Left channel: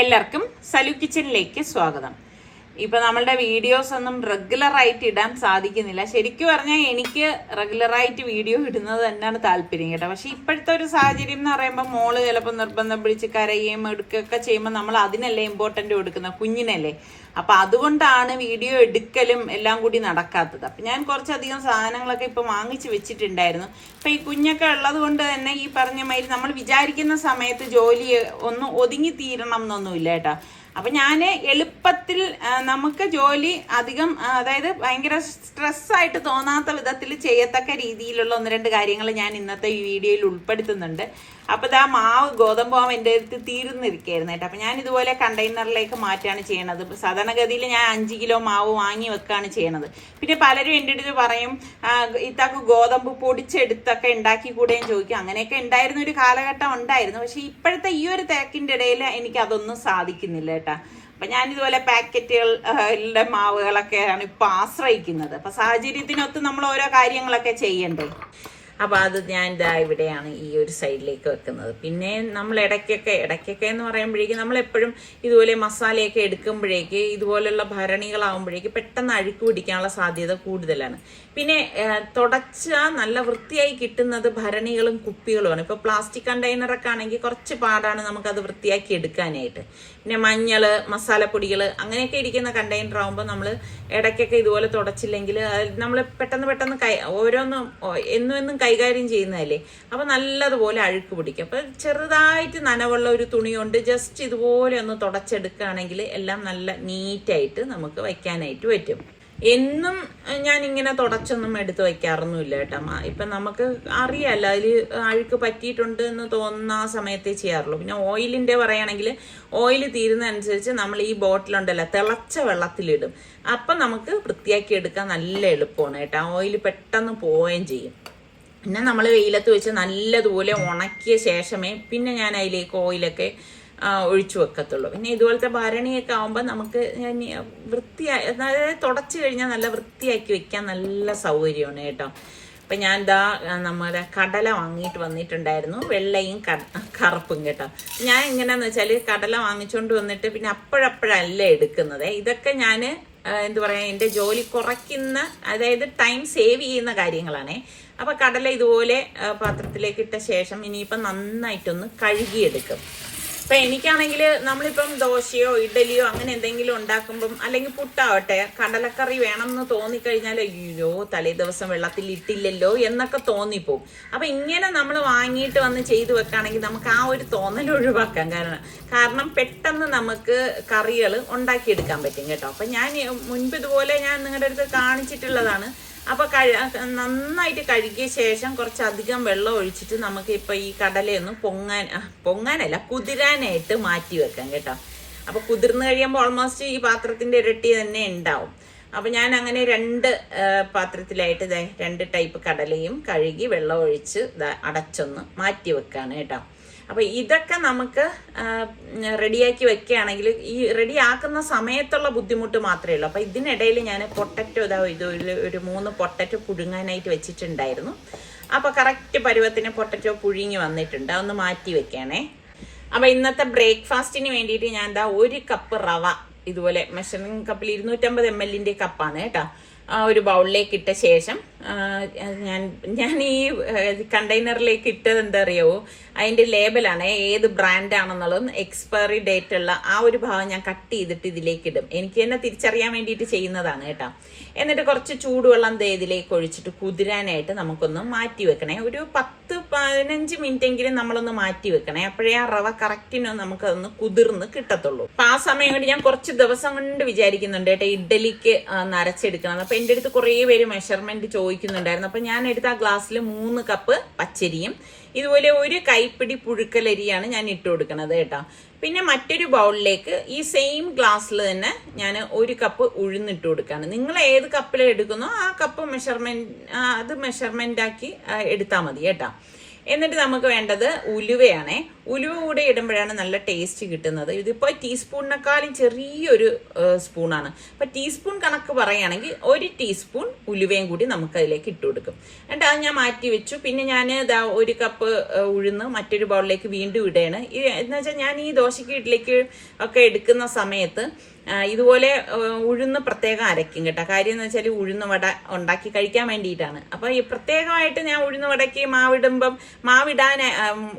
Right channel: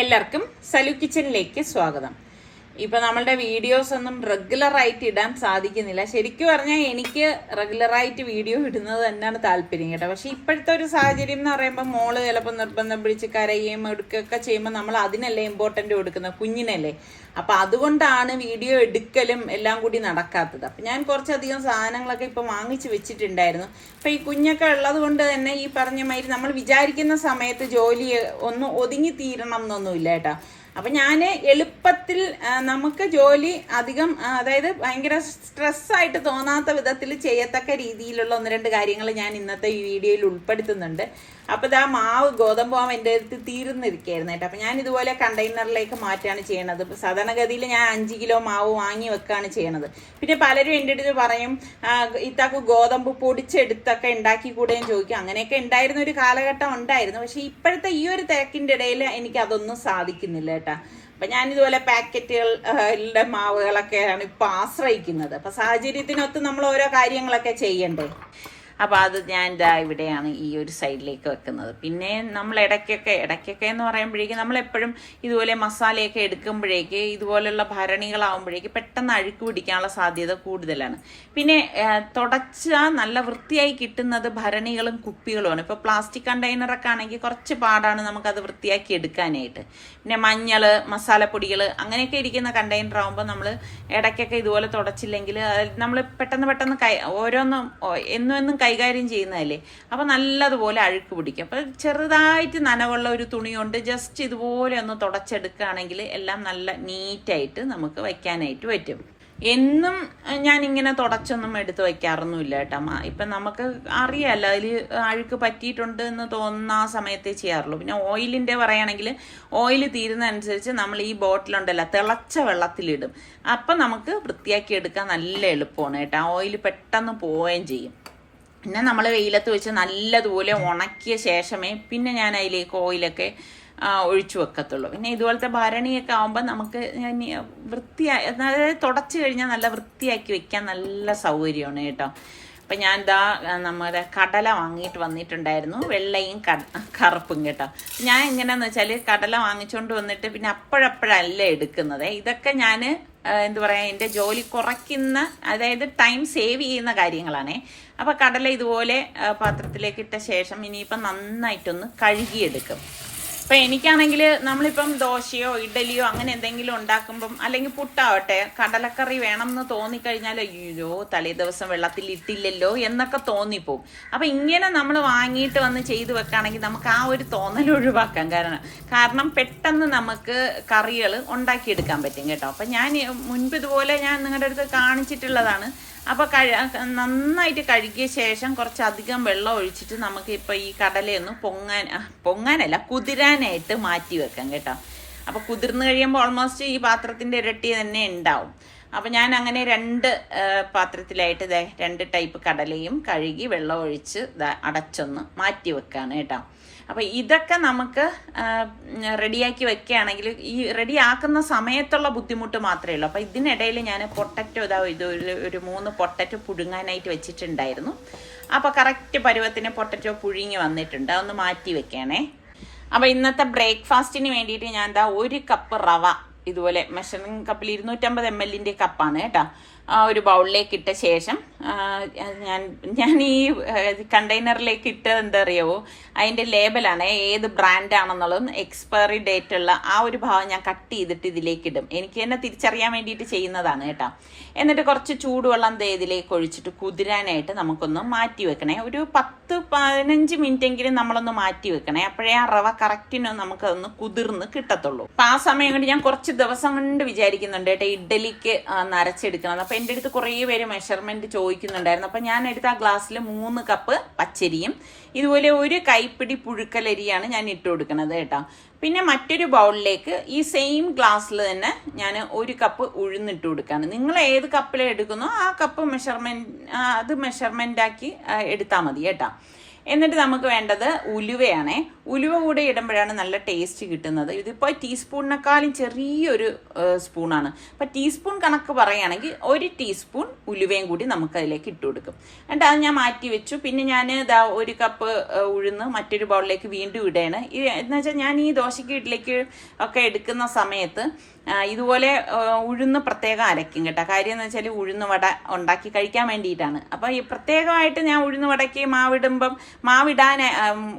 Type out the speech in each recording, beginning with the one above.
എല്ലാവർക്കും സലു കിച്ചണിലേക്ക് സ്വാഗതം. ഇപ്പൊ നമ്മളുടെ വീഡിയോസ് ഒന്നും റെഗുലറായിട്ട് ഇടാൻ സാധിക്കുന്നില്ല. ശരിക്കും പറഞ്ഞാൽ എനിക്ക് റെഗുലറായിട്ട് വീഡിയോ ഇടുന്നത് തന്നെയാണ് താല്പര്യം കേട്ടോ. പക്ഷെ ഇപ്പോഴത്തെ ഒരു സാഹചര്യം എന്ന് പറയുമ്പോൾ മോള് ചിലപ്പോൾ നിർബന്ധം പിടിച്ച് കരയുകയും എടുക്കുകയൊക്കെ ചെയ്യുമ്പോൾ നമ്മൾ അതിനല്ലേ ഇമ്പോർട്ടൻ്റ് കൊടുക്കുന്നത്, കുഞ്ഞിനല്ലേ. അപ്പൊ അതുകൊണ്ടാണ് വീഡിയോ എടുക്കലും എല്ലാം കൂടി നടക്കാത്തത്. അപ്പൊ ഞാൻ കുറച്ചധികം സാധനങ്ങളൊക്കെ ഇപ്പൊ വാങ്ങിച്ചു വെച്ചിട്ടുണ്ടായിരുന്നു. അപ്പൊ ഈ കുഞ്ഞൊക്കെ ഉള്ളത് കൊണ്ട് തന്നെ ഈ പറഞ്ഞ മാതിരി നമ്മൾ വിചാരിക്കുന്ന സമയത്ത് ജോലി ഒന്ന് ഒതുങ്ങി തീരണം എന്നൊന്നുമില്ല കേട്ടോ. അപ്പൊ ഞാൻ എളുപ്പത്തിൽ നമുക്ക് ജോലി അധികം അതായത് ഭയങ്കര സ്ട്രെസ്സായിട്ട് തോന്നാത്ത വിധത്തിൽ ചെയ്യത്തക്ക രീതിയിലുള്ള ഒന്ന് രണ്ട് കാര്യങ്ങൾ ഞാൻ ഇന്നത്തെ ഈ വീഡിയോയിൽ ഉൾപ്പെടുത്തുന്നുണ്ട്. അപ്പോൾ ഇതാ മാവ് ഗോതമ്പ് മാവ് എൻ്റെ അടുത്ത് തീർന്നിരിക്കുകയായിരുന്നു കേട്ടോ. അപ്പം ഞാൻ ഇതുപോലെ കണ്ടെയ്നറിലേക്ക് മാറ്റാണ് ചെയ്യണത്. സാധാരണഗതിയിൽ ഞാൻ 5 കിലോ മാവ് വാങ്ങി വെക്കുകയാണ് ചെയ്യണത്. പിന്നെ പലരും എൻ്റെ അടുത്ത് പറയും ഇത്താക്ക് ഗോതമ്പ് പൊടിച്ചെടുത്തൊക്കെ ഉണ്ടാക്കി കൂടെയും ചോദിക്കും. അങ്ങനെയൊക്കെ ഉണ്ടായിരുന്ന ഒരു കാലഘട്ടം ഉണ്ടായിരുന്നു. പക്ഷെ ഇപ്പോഴത്തെ ഈ ഒരു തിരക്കിൻ്റെ ഇടയിൽ എനിക്ക് അതൊന്നും സാധിക്കുന്നില്ല കേട്ടോ. അപ്പം ഞാനിതുപോലെ പാക്കറ്റുകളുടെ മാവുകളൊക്കെയാണ് ഇപ്പം ആശ്രയിക്കുന്നത്. അപ്പം സാഹചര്യത്തിനൊത്ത് നമ്മൾ ഓരോ കാര്യങ്ങളൊക്കെ ചെയ്യണ്ടേ. അപ്പോൾ അത് ഞാൻ ഇതാ ഇവിടെയാണ് ഈ ഒരു സൈഡിലേക്ക് വെക്കുന്നത്. പിന്നെ നമ്മൾ ഇടയ്ക്കൊക്കെ എന്ന് പറയുമ്പോഴേക്കും നമ്മളെപ്പോഴും ഇതുപോലെ മസാലയൊക്കെ എടുക്കുമ്പോഴേക്ക് ഇതുപോലുള്ള ഭരണികളാവുമ്പോഴേക്ക് പെട്ടെന്ന് അഴുക്ക് പിടിക്കാനുള്ള സാധ്യത കൂടുതലാണ്. പിന്നെ തുടച്ചാൽ നല്ല വൃത്തിയായി കിട്ടുന്നത് ഭരണികളും കുപ്പികളുമാണ്. ഇപ്പോൾ പ്ലാസ്റ്റിക് കണ്ടെയ്നറൊക്കെ ആണെങ്കിൽ കുറച്ച് പാടാണ് നമുക്കത് വൃത്തിയാക്കി എടുക്കാനായിട്ട്. പിന്നെ മഞ്ഞൾ, മസാലപ്പൊടികൾ അങ്ങനെയൊക്കെ ഇരിക്കുന്ന കണ്ടെയ്നർ ആകുമ്പോൾ നമ്മൾ ഇടയ്ക്കൊക്കെ ഇതുപോലെ തുടച്ചില്ലെങ്കിൽ നമ്മൾ പെട്ടെന്ന് ഓരോന്നും എന്നും കൈകാര്യം ചെയ്യുന്നതല്ലേ. അപ്പൊ നല്ലതുപോലെ അഴുക്ക് പിടിക്കും. അപ്പൊ ചെറുതായിട്ട് നനവുള്ള ഒരു തുണി കൊണ്ട് ജസ്റ്റ് ഇതുപോലെ ഒന്ന് തുടച്ചെടുക്കുകയാണെങ്കിൽ എല്ലാം നല്ല നീറ്റായിട്ട് നമുക്ക് വയ്ക്കാനായിട്ട് പറ്റും. എന്നും ഞാൻ ഇങ്ങനെ തുടച്ചൊന്നും എടുത്ത് വയ്ക്കാറൊന്നുമില്ല കേട്ടോ. ഇപ്പൊ നമുക്ക് അറിയാമല്ലോ അതിൽ അഴുക്ക് പറ്റിയിട്ടുണ്ട് എന്ന് തോന്നുന്ന ആ സമയത്തേ ചെയ്യാറുള്ളൂ. പിന്നെ ഓയിലിന്റെ പറയുകയാണെങ്കിൽ ഓയിൽ തീരുന്നതനുസരിച്ച് നമ്മൾ ഈ ബോട്ടിലുണ്ടല്ലോ തിളച്ച വെള്ളത്തിലിടും. അപ്പൊ നമുക്ക് വൃത്തിയാക്കി എടുക്കാൻ നല്ല എളുപ്പമാണ് കേട്ടോ. ഓയിൽ പെട്ടെന്ന് പോവുകയും ചെയ്യും. പിന്നെ നമ്മൾ വെയിലത്ത് വെച്ച് നല്ലതുപോലെ ഉണക്കിയ ശേഷമേ പിന്നെ ഞാൻ അതിലേക്ക് ഓയിലൊക്കെ ഒഴിച്ചു വെക്കത്തുള്ളൂ. പിന്നെ ഇതുപോലത്തെ ഭരണിയൊക്കെ ആകുമ്പോൾ നമുക്ക് അതായത് തുടച്ചു കഴിഞ്ഞാൽ നല്ല വൃത്തിയാക്കി വെക്കാൻ നല്ല സൗകര്യമാണ് കേട്ടോ. അപ്പം ഞാൻ ഇതാ നമ്മുടെ കടല വാങ്ങിയിട്ട് വന്നിട്ടുണ്ടായിരുന്നു, വെള്ളയും കറുപ്പും കേട്ടോ. ഞാൻ എങ്ങനെയാന്ന് വെച്ചാൽ കടല വാങ്ങിച്ചുകൊണ്ട് വന്നിട്ട് പിന്നെ അപ്പോഴല്ല എടുക്കുന്നത്. ഇതൊക്കെ ഞാൻ എന്താ പറയുക എൻ്റെ ജോലി കുറയ്ക്കുന്ന, അതായത് ടൈം സേവ് ചെയ്യുന്ന കാര്യങ്ങളാണേ. അപ്പം കടല ഇതുപോലെ പാത്രത്തിലേക്ക് ഇട്ട ശേഷം ഇനിയിപ്പം നന്നായിട്ടൊന്ന് കഴുകിയെടുക്കും. അപ്പം എനിക്കാണെങ്കിൽ നമ്മളിപ്പം ദോശയോ ഇഡലിയോ അങ്ങനെ എന്തെങ്കിലും ഉണ്ടാക്കുമ്പം അല്ലെങ്കിൽ പുട്ടാവട്ടെ കടലക്കറി വേണം എന്ന് തോന്നിക്കഴിഞ്ഞാൽ അയ്യോ തലേ ദിവസം വെള്ളത്തിൽ ഇട്ടില്ലല്ലോ എന്നൊക്കെ തോന്നിപ്പോവും. അപ്പം ഇങ്ങനെ നമ്മൾ വാങ്ങിയിട്ട് വന്ന് ചെയ്തു വെക്കുകയാണെങ്കിൽ നമുക്ക് ആ ഒരു തോന്നൽ ഒഴിവാക്കാം. കാരണം പെട്ടെന്ന് നമുക്ക് കറികൾ ഉണ്ടാക്കിയെടുക്കാൻ പറ്റും കേട്ടോ. അപ്പം ഞാൻ മുൻപ് ഇതുപോലെ ഞാൻ നിങ്ങളുടെ അടുത്ത് കാണിച്ചിട്ടുള്ളതാണ്. അപ്പോൾ നന്നായിട്ട് കഴുകിയ ശേഷം കുറച്ചധികം വെള്ളം ഒഴിച്ചിട്ട് നമുക്ക് ഇപ്പോൾ ഈ കടലയൊന്ന് പൊങ്ങാനല്ല കുതിരാനായിട്ട് മാറ്റി വെക്കാം കേട്ടോ. അപ്പോൾ കുതിർന്ന് കഴിയുമ്പോൾ ഓൾമോസ്റ്റ് ഈ പാത്രത്തിൻ്റെ ഇരട്ടി തന്നെ ഉണ്ടാവും. അപ്പം ഞാൻ അങ്ങനെ 2 പാത്രത്തിലായിട്ട് 2 ടൈപ്പ് കടലയും കഴുകി വെള്ളം ഒഴിച്ച് അടച്ചൊന്ന് മാറ്റി വെക്കാണ് കേട്ടോ. അപ്പം ഇതൊക്കെ നമുക്ക് റെഡിയാക്കി വെക്കുകയാണെങ്കിൽ ഈ റെഡിയാക്കുന്ന സമയത്തുള്ള ബുദ്ധിമുട്ട് മാത്രമേ ഉള്ളൂ. അപ്പം ഇതിനിടയിൽ ഞാൻ പൊട്ടറ്റോ ഒരു 3 പൊട്ടറ്റോ പുഴുങ്ങാനായിട്ട് വെച്ചിട്ടുണ്ടായിരുന്നു. അപ്പം കറക്റ്റ് പരുവത്തിന് പൊട്ടറ്റോ പുഴുങ്ങി വന്നിട്ടുണ്ട്. അതൊന്ന് മാറ്റി വെക്കണേ. അപ്പം ഇന്നത്തെ ബ്രേക്ക്ഫാസ്റ്റിന് വേണ്ടിയിട്ട് ഞാൻ 1 കപ്പ് റവ ഇതുപോലെ മെഷറിംഗ് കപ്പിൽ 250 ml കപ്പാണ് കേട്ടോ ഒരു ബൗളിലേക്ക് ഇട്ട ശേഷം ഞാൻ ഈ കണ്ടെയ്നറിലേക്ക് ഇട്ടത് എന്താ അറിയാവോ, അതിൻ്റെ ലേബലാണ് ഏത് ബ്രാൻഡാണെന്നുള്ളതും എക്സ്പയറി ഡേറ്റ് ഉള്ള ആ ഒരു ഭാഗം ഞാൻ കട്ട് ചെയ്തിട്ട് ഇതിലേക്ക് ഇടും. എനിക്ക് തന്നെ തിരിച്ചറിയാൻ വേണ്ടിയിട്ട് ചെയ്യുന്നതാണ് കേട്ടോ. എന്നിട്ട് കുറച്ച് ചൂടുവെള്ളം ഇതിലേക്ക് ഒഴിച്ചിട്ട് കുതിരാനായിട്ട് നമുക്കൊന്ന് മാറ്റി വെക്കണേ. ഒരു 10-15 മിനിറ്റെങ്കിലും നമ്മളൊന്ന് മാറ്റി വെക്കണേ. അപ്പോഴേ ആ റവ കറക്റ്റിന് നമുക്കൊന്ന് കുതിർന്ന് കിട്ടത്തുള്ളൂ. അപ്പം ആ സമയം കൊണ്ട് ഞാൻ കുറച്ച് ദിവസം കൊണ്ട് വിചാരിക്കുന്നുണ്ട് കേട്ടോ ഇഡ്ഡലിക്ക് നരച്ചെടുക്കണം. അപ്പം എൻ്റെ അടുത്ത് കുറേ പേര് മെഷർമെന്റ് ചോദിക്കുന്നുണ്ടായിരുന്നു. അപ്പം ഞാൻ എടുത്ത ആ ഗ്ലാസ്സിൽ 3 കപ്പ് പച്ചരിയും ഇതുപോലെ 1 കൈപ്പിടി പുഴുക്കലരിയാണ് ഞാൻ ഇട്ട് കൊടുക്കുന്നത് കേട്ടോ. പിന്നെ മറ്റൊരു ബൗളിലേക്ക് ഈ സെയിം ഗ്ലാസ്സിൽ തന്നെ ഞാൻ 1 കപ്പ് ഉഴുന്നിട്ട് കൊടുക്കുകയാണ്. നിങ്ങൾ ഏത് കപ്പിൽ എടുക്കുന്നോ ആ കപ്പ് മെഷർമെന്റ് ആക്കി എടുത്താൽ മതി കേട്ടോ. എന്നിട്ട് നമുക്ക് വേണ്ടത് ഉലുവയാണേ. ഉലുവ കൂടെ ഇടുമ്പോഴാണ് നല്ല ടേസ്റ്റ് കിട്ടുന്നത്. ഇതിപ്പോൾ ടീസ്പൂണിനെക്കാളും ചെറിയൊരു സ്പൂണാണ്. അപ്പം ടീസ്പൂൺ കണക്ക് പറയുകയാണെങ്കിൽ 1 ടീസ്പൂൺ ഉലുവയും കൂടി നമുക്ക് അതിലേക്ക് ഇട്ട് കൊടുക്കും. എന്നിട്ട് അത് ഞാൻ മാറ്റി വെച്ചു. പിന്നെ ഞാൻ ഇതാ 1 കപ്പ് ഉഴുന്ന് മറ്റൊരു ബൗളിലേക്ക് വീണ്ടും ഇടുകയാണ്. എന്ന് വെച്ചാൽ ഞാൻ ഈ ദോശയ്ക്ക് ഇഡ്ഡലിക്ക് ഒക്കെ എടുക്കുന്ന സമയത്ത് ഇതുപോലെ ഉഴുന്ന് പ്രത്യേകം അരയ്ക്കും കേട്ടോ. കാര്യം എന്ന് വെച്ചാൽ ഉഴുന്ന് വട ഉണ്ടാക്കി കഴിക്കാൻ വേണ്ടിയിട്ടാണ്. അപ്പോൾ ഈ പ്രത്യേകമായിട്ട് ഞാൻ ഉഴുന്ന് വടയ്ക്ക്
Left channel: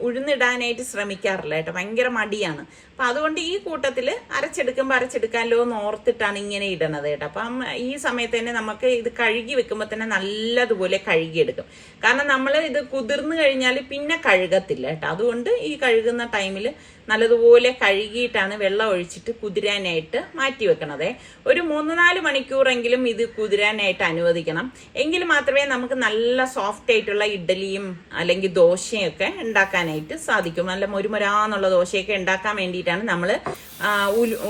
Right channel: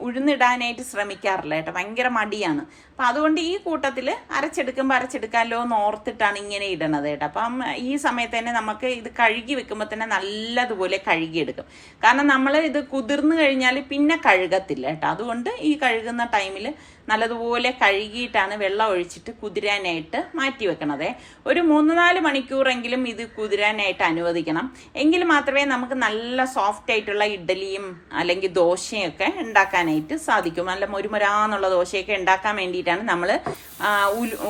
ഉഴുന്നിടാനായിട്ട് ശ്രമിക്കാറില്ല കേട്ടോ. ഭയങ്കര മടിയാണ്. അപ്പം അതുകൊണ്ട് ഈ കൂട്ടത്തിൽ അരച്ചെടുക്കാമല്ലോ എന്ന് ഓർത്തിട്ടാണ് ഇങ്ങനെ ഇടണത് കേട്ടോ. അപ്പം ഈ സമയത്ത് തന്നെ നമുക്ക് ഇത് കഴുകി വെക്കുമ്പോൾ തന്നെ നല്ലതുപോലെ കഴുകിയെടുക്കും. കാരണം നമ്മൾ ഇത് കുതിർന്നു കഴിഞ്ഞാൽ പിന്നെ കഴുകത്തില്ല കേട്ടോ. അതുകൊണ്ട് ഈ കഴുകുന്ന ടൈമിൽ നല്ലതുപോലെ കഴുകിയിട്ടാണ് വെള്ളം ഒഴിച്ചിട്ട് കുതിരാനായിട്ട് മാറ്റി വെക്കണത്. ഒരു 3-4 മണിക്കൂറെങ്കിലും ഇത് കുതിരാനായിട്ട് അനുവദിക്കണം. എങ്കിൽ മാത്രമേ നമുക്ക് നല്ല സോഫ്റ്റ് ആയിട്ടുള്ള ഇഡ്ഡലിയും അല്ലെങ്കിൽ ദോശയും ഒക്കെ ഉണ്ടാക്കാനായിട്ട് സാധിക്കും. നല്ല മൊരുമൊരാന്നുള്ള ദോശയൊക്കെ ഉണ്ടാക്കാൻ വേണ്ടിയിട്ടാണ് നമ്മൾ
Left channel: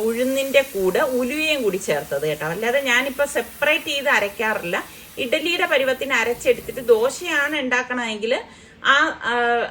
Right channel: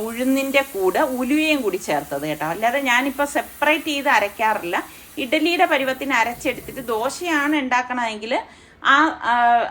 ഉഴുന്നിൻ്റെ കൂടെ ഉലുവയും കൂടി ചേർത്തത് കേട്ടോ. അല്ലാതെ ഞാനിപ്പോൾ സെപ്പറേറ്റ് ചെയ്ത് അരയ്ക്കാറില്ല. ഇഡ്ഡലിയുടെ പരുവത്തിന് അരച്ചെടുത്തിട്ട് ദോശയാണ് ഉണ്ടാക്കണമെങ്കിൽ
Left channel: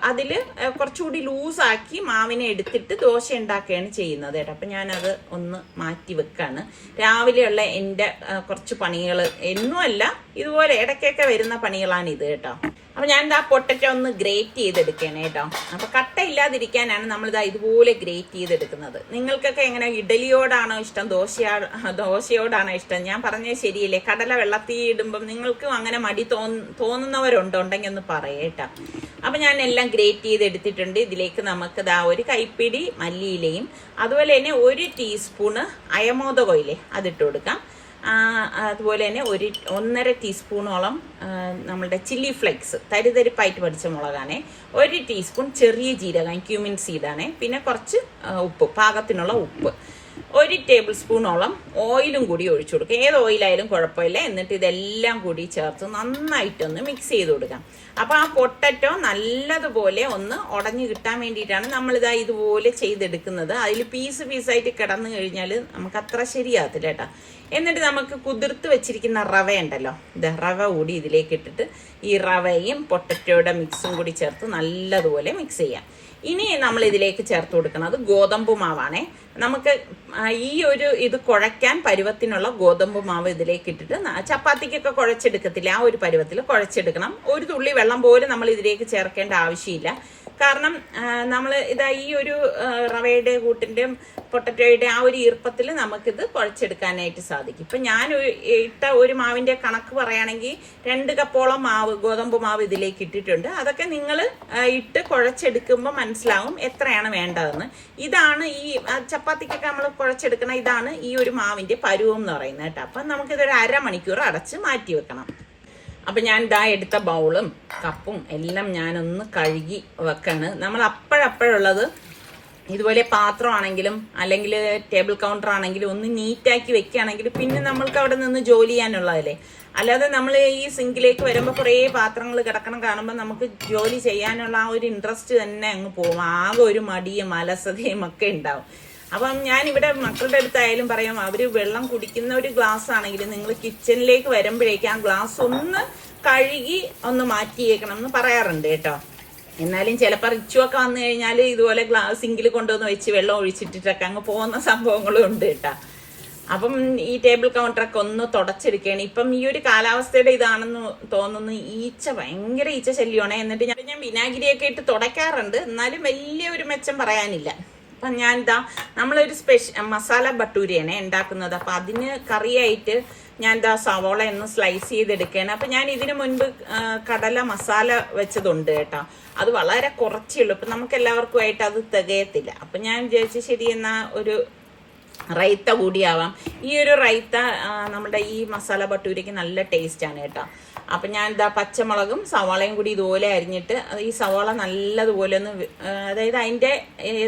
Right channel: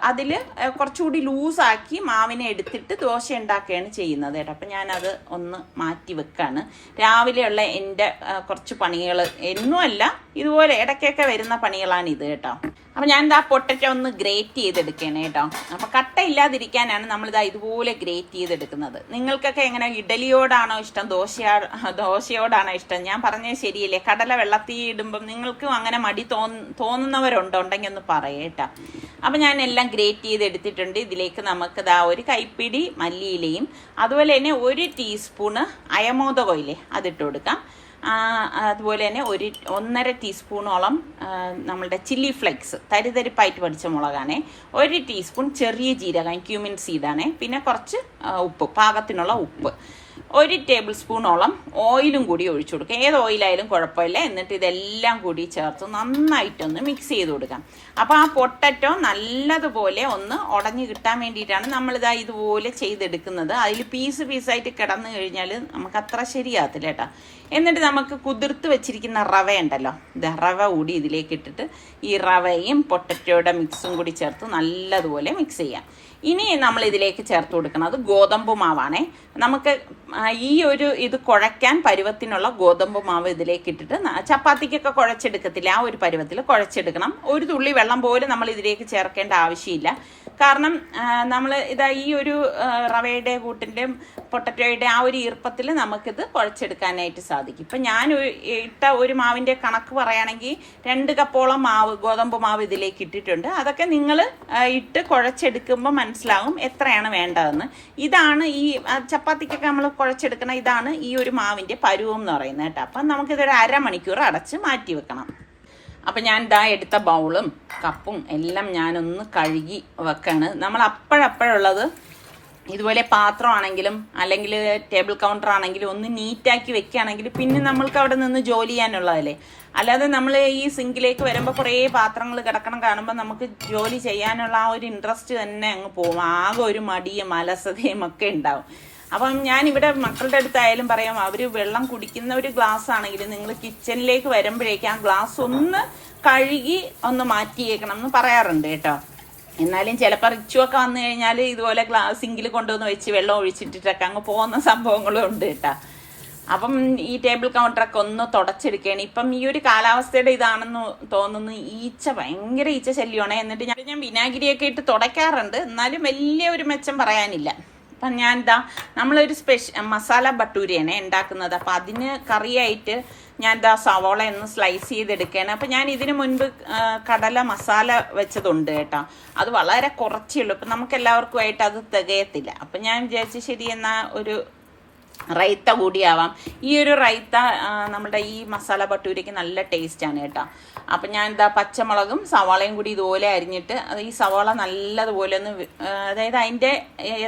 അതിൽ കുറച്ചുകൂടി ലൂസാക്കി മാവിനെ എടുത്തിട്ട് ദോശ ഉണ്ടാക്കുകയാണ് ചെയ്യുന്നത് കേട്ടോ. അപ്പം ഞാനത് ഒന്ന് മാറ്റി വെക്കാണ്. രാവിലെയുള്ള എൻ്റെ കുറച്ച് പണികൾ എന്നുമല്ല, ഇതുപോലെ ഇടയ്ക്കൊക്കെ വരുന്ന പണികളാണ് ഇത് കേട്ടോ. അപ്പം ഞാൻ ഇതാ പൊട്ടറ്റോ ഒന്ന് ഗ്രേറ്റ് ചെയ്തെടുക്കുകയാണ് കേട്ടോ. അപ്പോൾ കട്ട ഇല്ലാതിരിക്കാനാണ് നമ്മളിതാ ഇതുപോലെ ഗ്രേറ്റ് ചെയ്തെടുക്കുന്നത്. നിങ്ങൾക്കൊക്കെ എങ്ങനെ ഇഡലിയോടാണോ ഇഷ്ടം, ദോശയോടാണോ ഇഷ്ടം? ഞാൻ പറഞ്ഞത് ശരിയല്ലേ? കടല വെള്ളത്തിൽ ഇടുമ്പം നിങ്ങൾക്കും അങ്ങനെ മടി തോന്നുന്നവരുണ്ടെങ്കിൽ ഒന്ന് പറയേട്ടാ. അപ്പം ഞാൻ എല്ലാം ഗ്രേറ്റ് ചെയ്തെടുത്തിട്ടുണ്ട്. ഇതിലേക്ക് നമുക്ക് ഇതാ 1 കൈപ്പിടി മല്ലിയിലയും അതുപോലെ തന്നെ 1 ടീസ്പൂണ് അയമോദകമില്ലേ അതിട്ട് കൊടുക്കാം. അതുപോലെ തന്നെ 1.5 ടീസ്പൂണോളം നമ്മളുടെ ചില്ലി ഫ്ലെക്സ് തരിതരിപ്പായിട്ട് പൊടിച്ച മുളകാണേ. 1 ടീസ്പൂൺ ചെറിയ ജീരകം ക്യൂമിൻ സീഡാണേ. പിന്നെ കുറച്ച് ഉപ്പ്, പാകത്തിനുള്ള ഉപ്പ്. 1 ടേബിൾ സ്പൂണോളം ഓയിലും കൂടി ഒഴിച്ചു കൊടുക്കുക. ഏത് ഓയിലായാലും കുഴപ്പമില്ല. എന്നിട്ട് ഇതെല്ലാം കൂടി ചേർത്ത് നന്നായിട്ടൊന്ന് മിക്സ് ചെയ്ത് കൊടുക്കാം. അപ്പോൾ ആ പൊട്ടറ്റോ നല്ലതുപോലെ ഒന്ന് ഉടഞ്ഞു കിട്ടാൻ വേണ്ടിയിട്ടാണ് നമ്മളിതാ ഇതുപോലെ ചെയ്തെടുക്കുന്നത്. അതിൽ പീസായിട്ട് കിടന്നു കഴിഞ്ഞാൽ നമുക്ക് അത്ര ശരിയാകത്തില്ല കേട്ടോ. എന്നിട്ട് നമുക്ക് കുതിർത്ത് വെച്ചിരിക്കുന്ന റവ ഉണ്ടല്ലോ, ഇത് റവ കൂടി ഇതിലേക്ക് ഇട്ടിട്ട് ഈ റവയും പൊട്ടറ്റോയുടെ മിക്സും കൂടി ചേർത്ത് നല്ലതുപോലെ മിക്സ് ചെയ്യാം. ഇനി നമ്മൾ ഇതിലേക്ക് ചേർത്ത് കൊടുക്കുന്നത് ഗോതമ്പ് മാവാണേ. നമുക്ക് ഇത് കുഴയ്ക്കാൻ പരുവത്തിനുള്ള ഗോതമ്പ് മാവ് ഇതിലേക്ക് ഇട്ടിട്ട് ചപ്പാത്തിക്കൊക്കെ കുഴച്ചെടുക്കത്തില്ല, ആ ഒരു പരുവത്തിൽ കുഴച്ചെടുക്കണം. ഒരു തുള്ളി വെള്ളം പോലും നമ്മൾ ഇതിലേക്ക് ചേർക്കേണ്ട ആവശ്യമില്ല. കാരണം നമ്മൾ ഈ ഒരു റവയുടെ കൂട്ടിൻ്റെ പൊട്ടറ്റോയുടെ ആ ഒരു ഈർപ്പത്തിൽ നമുക്കിത് കുഴച്ചെടുക്കാനായിട്ട് സാധിക്കും. ഇപ്പം ഞാൻ ഇട്ട ഒരു മാവിൻ്റെ കണക്ക് പറയുകയാണെങ്കിൽ 2 കപ്പോളം ഗോതമ്പ് മാവ് ഇതിലേക്ക് ഇട്ടിട്ടുണ്ട്. അതൊക്കെ നിങ്ങൾ ഇട്ട് കുഴച്ചെടുക്കുമ്പോൾ മനസ്സിലാവും എത്രയാണ് വേണ്ടതെന്ന്. ഇതാണ് ഈ ചപ്പാത്തിക്കൊക്കെ നമ്മൾ കുഴച്ചെടുക്കണം. ഇതാണ് ഈ ഒരു മാവിൻ്റെ പരുവം എന്ന് പറയുന്നത് കേട്ടോ. അപ്പം നമുക്കിതൊരു 1/2 മണിക്കൂർ അടച്ച് മാറ്റി വെക്കണം. അപ്പം ഞാൻ ഇതാ എടുത്ത ബൗളും കപ്പും എല്ലാം ഞാനൊന്ന് കഴുകി വെക്കാണ്. നമ്മൾ അപ്പോഴപ്പോഴുള്ളത് ഇതുപോലെ പാത്രമാണെങ്കിലും അല്ലെങ്കിൽ ടേബിൾ കൗണ്ടർ ആണെങ്കിലും ഒന്ന് നീറ്റാക്കി വെക്കുകയാണെങ്കിൽ പിന്നെ നമ്മൾക്ക് അവിടെ നിന്ന് ജോലി ചെയ്യാനുള്ളതല്ലേ. അല്ലാതെ നമ്മൾ ഈ സിങ്കിലേക്ക് വരുമ്പോൾ കുറേ പാത്രങ്ങൾ കിടക്കണം കാണുമ്പോൾ നമുക്ക് ജോലി ചെയ്യാനുള്ള ആ ഒരു ഇൻട്രസ്റ്റ് തന്നെ അങ്ങ് പോകും. ആകെ ഒരു മടിയും അലസതയും ഒക്കെ ഉണ്ടാവും. അപ്പം ഞാനിവിടെ മക്കളുടെ അടുത്തായാലും പറയാം, അവർ വെള്ളം കുടിക്കുന്ന ഒരു ഗ്ലാസ് ആണെങ്കിൽ നിങ്ങൾ കിച്ചണിലേക്ക് വരുമ്പോഴേക്കും ആ ഗ്ലാസ് ഒന്ന് കഴുകി ഒന്ന് മാറ്റിയേക്കണം എന്ന് പറയാറുണ്ട് കേട്ടോ. എന്നാലും ചിലപ്പോൾ റിച്ചുവൊക്കെ വന്നു കഴിഞ്ഞാൽ ഇതുപോലെ സിങ്കിൽ കൊണ്ടുവന്ന് വെച്ച് വെള്ളം ഒഴിച്ചിട്ടിട്ടൊക്കെ അങ്ങ് പോകുന്ന സംഭവങ്ങളും ഉണ്ട് കേട്ടോ. അപ്പം ഈ ടേബിൾ കൗണ്ടറൊക്കെ ഒന്ന് തുടച്ചെടുക്കുകയാണ്. ഇപ്പം ഈ ഒരു കാലാവസ്ഥയുടെ ഇതാണെന്ന് തോന്നുന്നു. ഭയങ്കര ഈച്ച ശല്യമാണ്. എന്നിട്ട് ഞാൻ വിനാഗിരിയൊക്കെ ഇട്ട് തുടയ്ക്കാറുണ്ട്, എന്നാലും വലിയ ഒരു മെച്ചം പറയാനില്ല. അപ്പം ഞാൻ നമ്മളൊരു മസാല ബട്ടൂരിയാണ് ഉണ്ടാക്കുന്നത്. അപ്പം അതിന് കറിയായിട്ട് ഞാൻ സവോള ഒന്ന് സ്ലൈസ് ചെയ്തെടുക്കുകയാണ്. അപ്പം ഞാൻ ഇതിനു മുൻപ് കടല മസാല വെച്ചതുണ്ട് കേട്ടോ. അത് വളരെ കുറച്ചേ ഉള്ളൂ. അപ്പം നമുക്ക് എല്ലാവർക്കുമായിട്ട് അത് തികയത്തില്ല. അപ്പം ഞാൻ വിചാരിച്ചു ശരി എന്നാൽ ഒരു റൈത്ത കൂടിയാവാം. ഈ ഒരു റൈത്ത നമ്മുടെ ഈ മസാല ബട്ടൂരയ്ക്ക് നല്ല ടേസ്റ്റാണ് കേട്ടോ. അപ്പം ഞാൻ പച്ചമുളകും സവാളയും കൂടി ഇതുപോലെ അരിഞ്ഞിട്ട് ഈ സവാള നല്ലതുപോലെ ഒന്ന് അതായത് അതിൻ്റെ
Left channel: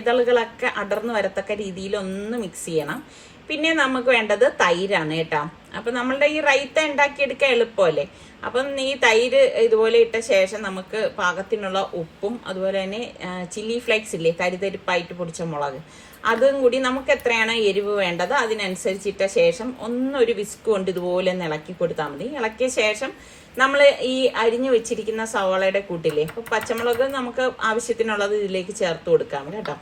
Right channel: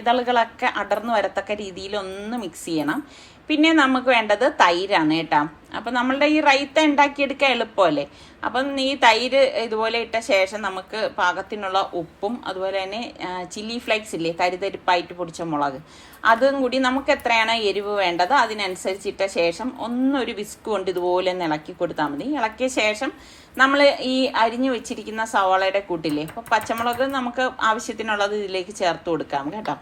ഇതളുകളൊക്കെ അടർന്നു വരത്തക്ക രീതിയിൽ ഒന്ന് മിക്സ് ചെയ്യണം. പിന്നെ നമുക്ക് വേണ്ടത് തൈരാണ് കേട്ടോ. അപ്പം നമ്മളുടെ ഈ റൈത്ത ഉണ്ടാക്കിയെടുക്കാൻ എളുപ്പമല്ലേ. അപ്പം ഈ തൈര് ഇതുപോലെ ഇട്ട ശേഷം നമുക്ക് പാകത്തിനുള്ള ഉപ്പും അതുപോലെ തന്നെ ചില്ലി ഫ്ലേക്സ് ഇല്ലേ, തരിതരിപ്പായിട്ട് പൊടിച്ച മുളക്, അതും കൂടി നമുക്ക് എത്രയാണ് എരിവ് വേണ്ടത് അതിനനുസരിച്ചിട്ട ശേഷം ഒന്നൊരു വിസ്ക് കൊണ്ട് ഇതുപോലെ ഒന്ന് ഇളക്കി കൊടുത്താൽ മതി. ഇളക്കിയ ശേഷം നമ്മൾ ഈ അരിഞ്ഞു വെച്ചിരിക്കുന്ന സവാളയുടെ കൂട്ടില്ലേ, അപ്പോൾ പച്ചമുളക് നമുക്ക് ആവശ്യത്തിനുള്ളത് ഇതിലേക്ക് ചേർത്ത് കൊടുക്കാം കേട്ടോ.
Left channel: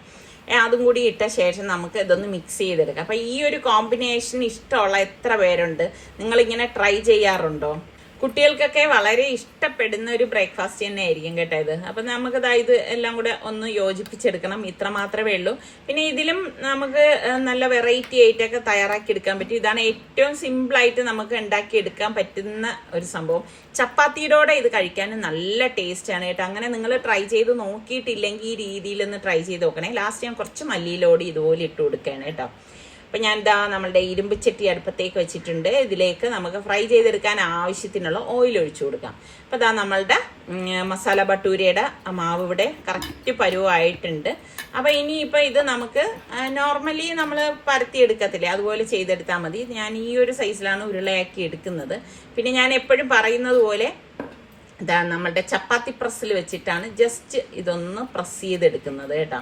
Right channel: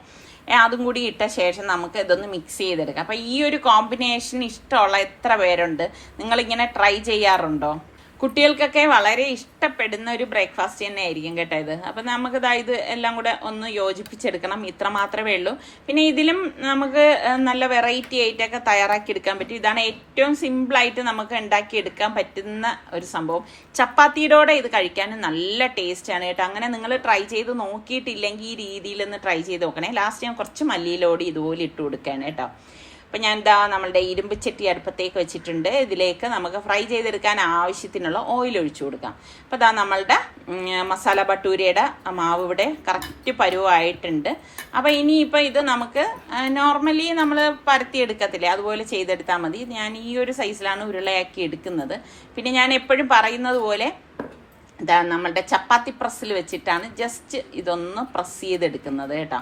അതും കൂടി ഇട്ട ശേഷം നമുക്ക് ഇതൊന്ന് മിക്സ് ചെയ്തെടുക്കാം. അപ്പം ഈ ഒരു കോമ്പിനേഷൻ ഇഷ്ടമുള്ള എത്ര പേരുണ്ട്? നിങ്ങളിങ്ങനെ ട്രൈ ചെയ്യാറുണ്ടോ? കുട്ടികൾക്കൊക്കെ വളരെ ഇഷ്ടപ്പെടുന്ന ഒരു ബ്രേക്ക്ഫാസ്റ്റ് തന്നെ ആയിരിക്കും കേട്ടോ ഇത്. അപ്പം നമുക്ക് ഇത് എല്ലാം കൂടെ ഒന്ന് യോജിപ്പിച്ചെടുക്കണം, ഇത്ര മാത്രമേ ഉള്ളൂ. പിന്നെ ഇതിലും നമുക്ക് നല്ല വെറൈറ്റി ആയിട്ടൊക്കെ തയ്യാറാക്കി എടുക്കാൻ പറ്റും. ഇതാണ് ഏറ്റവും സിമ്പിളായിട്ട് നമുക്ക് ഉണ്ടാക്കിയെടുക്കാൻ പറ്റുന്ന ഒരു സംഭവം. ചപ്പാത്തിയോടെ ഇത് കഴിക്കാൻ നല്ല ടേസ്റ്റാണ് കേട്ടോ. അങ്ങനെ നിങ്ങൾ ട്രൈ ചെയ്ത് നോക്കിയിട്ടില്ലെങ്കിൽ ഈ രീതിയിലൊന്ന് ട്രൈ ചെയ്ത് നോക്കണേ. ലാസ്റ്റ് ഞാൻ കുറച്ച് മല്ലിയിലോടി ഇതുപോലെ ഇട്ട് കൊടുക്കുകയാണ് കേട്ടോ. അപ്പം ഞാൻ നമ്മളുടെ ഇരുമ്പ് ചട്ടി അടുപ്പത്തേക്ക് വെച്ചിട്ടുണ്ട്. ഇതിലേക്ക് നമുക്ക് ഫ്രൈ ചെയ്തെടുക്കാൻ ആവശ്യത്തിനുള്ള ഓയിൽ ഒഴിച്ചു കൊടുക്കാം. അപ്പം നമ്മളുടെ മസാല ഭട്ടൂരയുടെ മാവ് ഇവിടെ കറക്റ്റ് പരുവായിട്ടുണ്ട്. അപ്പം ഇനിയിപ്പോൾ ഇത് നമുക്ക് നോർമലി നമ്മൾ പരത്തിയെടുക്കത്തില്ലേ, അതുപോലെ ചെയ്തെടുത്താൽ മതി. ഞാൻ ഈ ഒരു സൈസിലാണ് ഉരുളയാക്കി എടുക്കുന്നത്. പിന്നെ ഞാൻ എപ്പോഴും പറയുന്നത് പോലെ നമ്മളുടെ ചപ്പാത്തി പ്രസ്സിൽ വെച്ചിട്ടാണ് ജസ്റ്റ് ഇതൊന്ന് പ്രസ് ചെയ്തെടുക്കുന്നത് കേട്ടോ.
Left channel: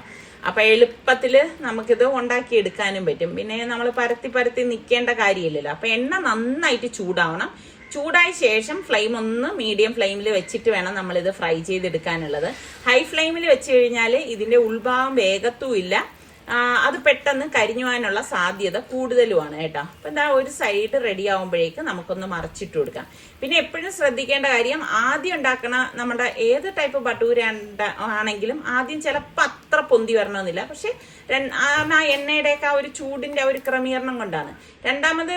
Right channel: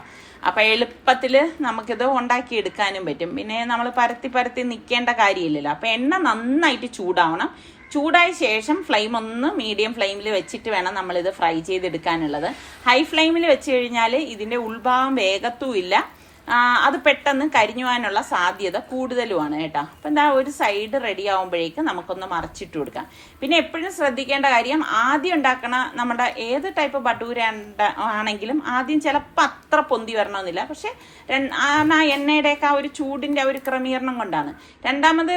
അപ്പം എളുപ്പത്തിൽ നമുക്കിത് ഉണ്ടാക്കിയെടുക്കാനും പറ്റും. പിന്നെ നമ്മൾ പരത്തി നിൽക്കേണ്ട കാര്യമില്ലല്ലോ. അപ്പം എണ്ണ നന്നായിട്ട് ചൂടാവണം. ചൂടായ ശേഷം ഫ്ലെയിം ഒന്ന് മീഡിയം ഫ്ലെയിമിൽ വെച്ചിട്ട് വേണം നമ്മളിത് ഫ്രൈ ചെയ്തെടുക്കാനുള്ളത്. ഹൈ ഫ്ലെയിമിൽ വെച്ച് കഴിഞ്ഞാൽ ഇതിൻ്റെ ഉൾഭാഗം വേഗത്തുമില്ല, അത് പെട്ടെന്ന് കരിഞ്ഞു പോകാനുള്ള സാധ്യത കൂടുതലുമാണ് കേട്ടോ. അപ്പം ഒരു സൈഡ് റെഡി ആകുമ്പോഴേക്കും നമുക്കൊന്ന് മറിച്ചിട്ട് കൊടുക്കാം. പിന്നെ എപ്പോഴും ശ്രദ്ധിക്കേണ്ട കാര്യം, ആദ്യം ഉണ്ടാക്കണ നമ്മുടെ ഏത് ടൈപ്പ് ഭട്ടൂര ആണെങ്കിലും ആദ്യം ചിലപ്പോൾ അത്ര പൊന്തി വരണമെന്നില്ല. പക്ഷെ ആ എണ്ണയുടെയൊക്കെ ആ ഒരു ചൂടിൻ്റെ ഒരു ക്രമീകരണം കൊണ്ടാണ്. രണ്ടാമത്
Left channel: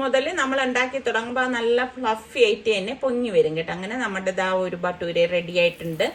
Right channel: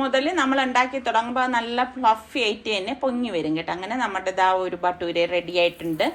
മുതൽ നമ്മൾ ഉണ്ടാക്കി തുടങ്ങുമ്പോൾ നല്ല ഫ്ലഫി ആയിട്ട് തന്നെ പൊങ്ങി വരും കേട്ടോ. അങ്ങനെ നമ്മുടെ ഒരു ഭട്ടൂര റെഡി ആയിട്ടുണ്ട്.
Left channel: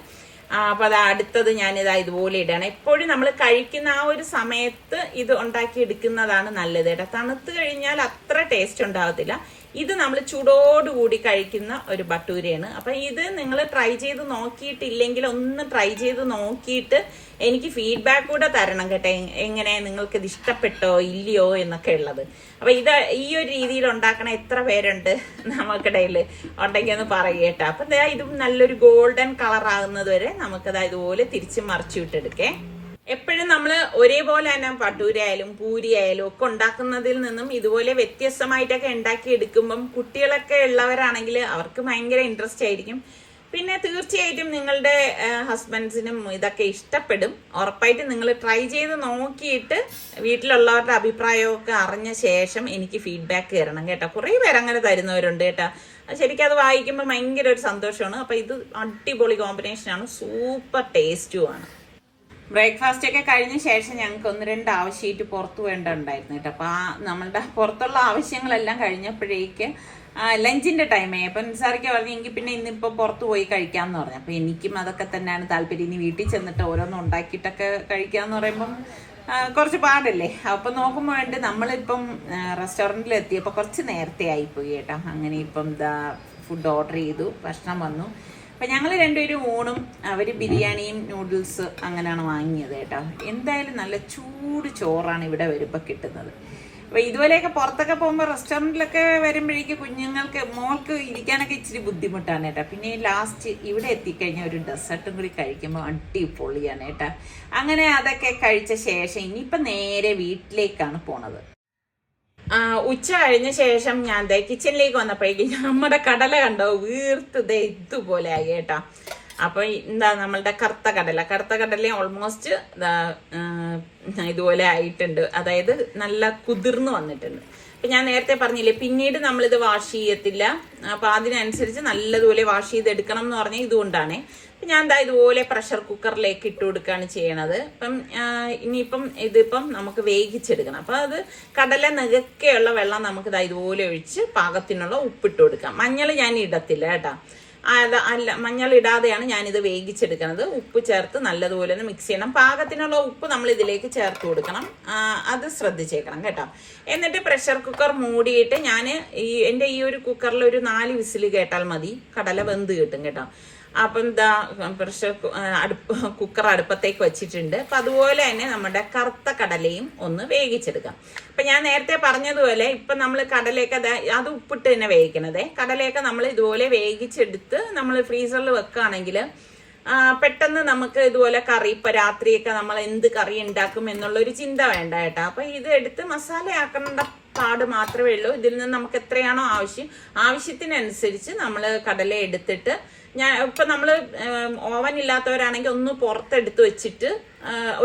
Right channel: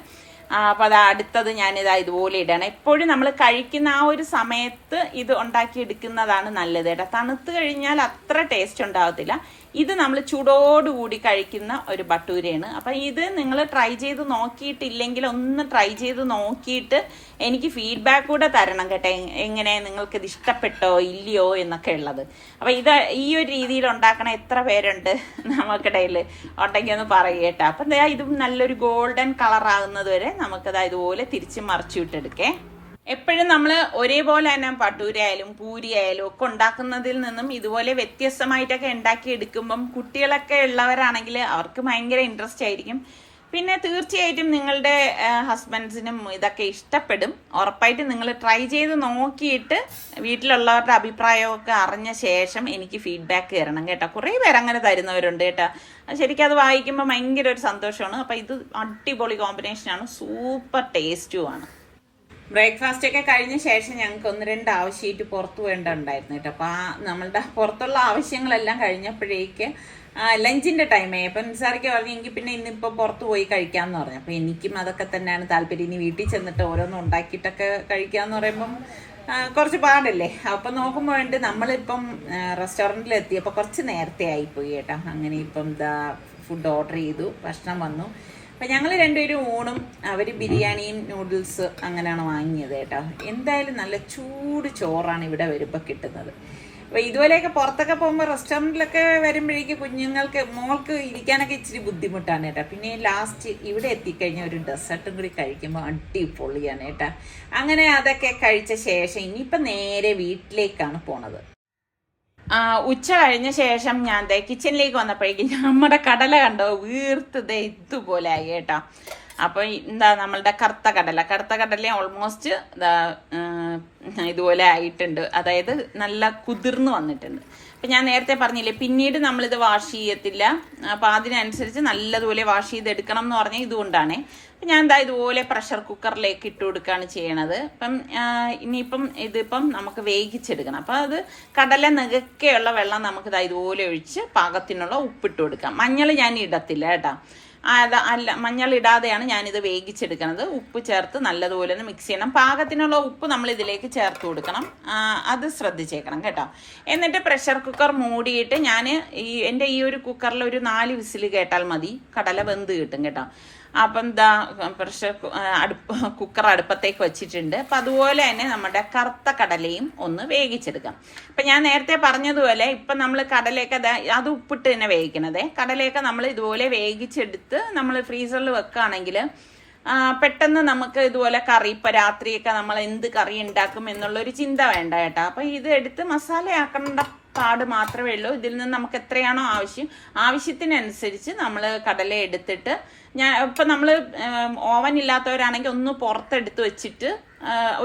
അപ്പോൾ അടുത്തത് ഞാനിതാ ഇതുപോലെ ഇടണം. എപ്പോഴും നമ്മൾ കഴിക്കുന്ന ആ ഒരു സമയത്ത് ഇത് ഉണ്ടാക്കിയെടുക്കുന്നതാണ് നല്ലത് കേട്ടോ. തണുത്ത് കഴിഞ്ഞാൽ അത്ര ടേസ്റ്റ് ഉണ്ടാകത്തില്ല. ഇത് നമ്മൾ ചൂടോടുകൂടി കഴിക്കുന്ന ഒരു ഭട്ടൂരയാണ്. അപ്പം ഇത് നിങ്ങൾ ട്രൈ ചെയ്ത് നോക്കിയിട്ടില്ലെങ്കിൽ ഒന്ന് ട്രൈ ചെയ്ത് നോക്കിയിട്ട് എനിക്ക് ഫീഡ്ബാക്ക് കൂടെ തരണം കേട്ടോ. എങ്ങനെ നിങ്ങൾക്കിത് ഇഷ്ടപ്പെട്ടോ ഇല്ലയോ എന്നൊക്കെ ഉള്ളത്. അപ്പം ഇത് ഈ ഒരു രീതിയിൽ ഉണ്ടാക്കണ എത്ര പേരുണ്ട് നമുക്കിടയിൽ ഉണ്ടെങ്കിൽ ഒന്ന് പറയുക കേട്ടോ. അപ്പം ഇത് നല്ലൊരു ഗോൾഡൻ കളർ ആകുന്നത് വരെ നമുക്കത് ഇതുപോലെ തിരിച്ച് മറിച്ചു വിട്ടെടുക്കേ. എപ്പോഴും നമ്മൾ ഒരേപോലെ തന്നെ ഭട്ടൂര ആയാലും പൂരി ആയാലും ഒക്കെ ഉണ്ടാക്കുന്നതിൽ നിന്നും ഇതുപോലെ വ്യത്യസ്തമായിട്ടൊക്കെ ഉണ്ടാക്കി എടുക്കുമ്പം കുട്ടികളൊക്കെ ഉള്ളവരാണെങ്കിൽ അവർക്ക് ഭയങ്കര ഇൻട്രസ്റ്റ് ആയിരിക്കും. പിന്നെ തീർച്ചയായിട്ടും നിങ്ങളുടെ ഹസ്ബൻഡ്സിനും ഇതൊക്കെ ഇഷ്ടപ്പെടും. ഉറപ്പായിട്ടും നിങ്ങൾ ട്രൈ ചെയ്ത് നോക്കിയിട്ട് വീട്ടിലുള്ളവരുടെ അഭിപ്രായമൊക്കെ അറിഞ്ഞ ശേഷം എനിക്ക് ഫീഡ്ബാക്ക് തരണം കേട്ടോ. കുറേ പേര് അങ്ങനെ തരുന്നവരുണ്ട് കേട്ടോ. ശരിക്കും അത് വായിക്കുമ്പോൾ ഭയങ്കര ഒരു സന്തോഷമാണ്. അപ്പം ഇത് അടിപൊളി കോമ്പിനേഷനാണ്, സൂപ്പർ ടേസ്റ്റുമാണ്. ബ്രേക്ക്ഫാസ്റ്റ് ഒക്കെ കഴിഞ്ഞ ശേഷം ഞങ്ങൾക്ക് 1-2 ആവശ്യമായിട്ട് പുറത്ത് വേണ്ടതുണ്ടായിരുന്നു കേട്ടോ. അപ്പോൾ നമ്മളുടെ പുറത്തുള്ള ആവശ്യങ്ങളെല്ലാം കഴിഞ്ഞപ്പോഴേക്ക് ലഞ്ചിൻ്റെ ടൈമായി. അപ്പം നിസാറിക്ക് പറഞ്ഞു എങ്കിൽ പിന്നെ ഇന്നിപ്പോൾ പുറത്ത് പോയി കഴിക്കാമെന്ന് പറഞ്ഞു. അപ്പോൾ എനിക്കും അതൊക്കെ തന്നെയാണ് താല്പര്യം. ഇനി വീട്ടിൽ ചെന്നിട്ട് ഓരോന്നും ഉണ്ടാക്കിയിട്ടൊക്കെ കഴിക്കാമെന്ന് പറയുമ്പം കുറച്ച് പാടല്ലേ. അപ്പം നോക്കുമ്പോൾ വേണ്ടി നമ്മളിപ്പം റെസ്റ്റോറൻറ്റിൽ എത്തിയപ്പോൾ കുറച്ച് നേരത്തെ ആയിപ്പോയി കേട്ടോ. അങ്ങനെ ഇപ്പം ഫുഡ് ഓർഡർ ചെയ്തു, ഭക്ഷണം വന്നു. അപ്പം ഞങ്ങൾ രണ്ടുപേരും ഊണും അവർ ബിരിയാണിയും നൂഡിൽസ് അങ്ങനെയാണ് വാങ്ങിയത് കേട്ടോ. എന്തായാലും നല്ല ചൂട് ചോറാണ് ഇവിടെ വരുമ്പോൾ കിട്ടുന്നത്. അപ്പോൾ ഇതുപോലെയൊക്കെ പുറത്തൊക്കെ പോകുമ്പോൾ റെസ്റ്റോറൻറ്റിലൊക്കെ വരുമ്പോഴേക്കും കുഞ്ഞുങ്ങൾക്ക് മോൾക്ക് ഇരിക്കാനൊക്കെ ഇച്ചിരി ബുദ്ധിമുട്ടാണ് കേട്ടോ. പിന്നെ ലാസ്റ്റ് ഇവിടെ എത്തിക്കഴിഞ്ഞാൽ ഒരു ഡെസേർട്ടും കൂടി കഴിക്കുമ്പോൾ അടിപൊളിയാണ് കേട്ടോ. അങ്ങനെ അതൊക്കെ കഴിച്ച ശേഷം ഇനിയിപ്പം നേരെ വീട്ടിലേക്കാണ് പോണത്. ഉച്ച കഴിഞ്ഞ ശേഷം ഞാൻ കിച്ചണിലേക്ക് വന്നപ്പോഴേക്കും നമ്മുടെ കടല കണ്ടോ വീർത്ത് ഇതുപോലെ ആയി കേട്ടോ. അപ്പോൾ നമ്മളുടെ കറുത്ത കടല ഓൾമോസ്റ്റ് ഇതുപോലെ ആയിട്ടുണ്ട്. അതായത് നല്ല കുതിർന്ന് വന്നിട്ടുണ്ട്. അപ്പം ഞാൻ നേരത്തെ പറഞ്ഞില്ലേ പിന്നീട് നമ്മളിത് വാഷ് ചെയ്യത്തില്ല. അപ്പം അതിനനുസരിച്ച് നല്ലതുപോലെ വാഷ് ചെയ്തെടുക്കണം എന്ന് പറഞ്ഞാൽ ഇതുകൊണ്ടാണ്. അപ്പം ഞാൻ ഇതുപോലെ പ്രഷർ കുക്കറിലേക്ക് ഇട്ട് കൊടുക്കുകയാണ് ചെയ്യണത്. അപ്പം ഇനിയിപ്പം ഇതിപ്പം നമുക്ക് വേവിച്ചെടുക്കണം. അപ്പം അത് കടല നികക്കെയുള്ള വെള്ളം നമുക്ക് ഇതുപോലെ ഒഴിച്ച് പാകത്തിനുള്ള ഉപ്പിട്ട് കൊടുക്കാം. മഞ്ഞൾ ഞാൻ ഇടത്തില്ല കേട്ടോ. അല്ല മഞ്ഞൾ ഇടാതെയാണ് ഞാനിത് വേവിച്ചെടുക്കുന്നത്. ഉപ്പ് ചേർത്ത് നല്ലതുപോലെ ഒന്ന് മിക്സ് ചെയ്യണം. പാകത്തിനുള്ള ഉപ്പ് നമ്മൾ ഇതിലേക്ക് ചേർത്ത് കൊടുക്കണം. അത് ശ്രദ്ധിച്ചേക്കണം കേട്ടോ. എന്നിട്ട് പ്രഷർ കുക്കർ മൂടിയിട്ട് ഞാൻ എൻ്റെ ഈ ഒരു കുക്കറിൽ ഒരു 4 വിസിൽ കേട്ടാൽ മതി. കടല വെന്ത് കിട്ടും കേട്ടോ. അപ്പം ഇതാ കുക്കർ അടുപ്പത്തേക്ക് വെച്ചിട്ടുണ്ട്. അപ്പം അതുപോലെ തന്നെ നമ്മുടെ കറുത്ത കടലയും ഒന്ന് വേവിച്ചെടുക്കാം. അപ്പം ഞാൻ നേരത്തെ പറഞ്ഞതുപോലെ ഇപ്പം നമ്മൾ കടലയൊക്കെ അത് ഉപ്പിട്ട് തന്നെ വേവിക്കണതേ. കടലയൊക്കെ നമ്മൾ ഇതുപോലെ വേവിച്ചെടുത്ത് നമ്മൾ ഫ്രീസറിൽ വെക്കുകയാണെങ്കിൽ പെട്ടെന്ന് നമുക്ക് ഇതുപോലെ കറി ഇപ്പം രാത്രിയൊക്കെ നമ്മൾ എന്ത് കറി ഉണ്ടാക്കും എന്നുള്ളൊരു ചിന്ത വേണ്ട കേട്ടോ. അപ്പം ഇത് എടുത്ത് മസാലയാക്കേണ്ട പാട് മാത്രമേ ഉള്ളൂ. ഇതിൽ നിന്ന് നമുക്ക് എത്രയാണോ ആവശ്യത്തിനനുസരിച്ച് നമ്മൾ കടല എടുത്തിട്ട് ഇപ്പം നമ്മൾ ഓവൻ ഇല്ലാത്തവരാണെങ്കിൽ ഒന്ന് പുറത്തെടുത്ത് വെച്ചിട്ട്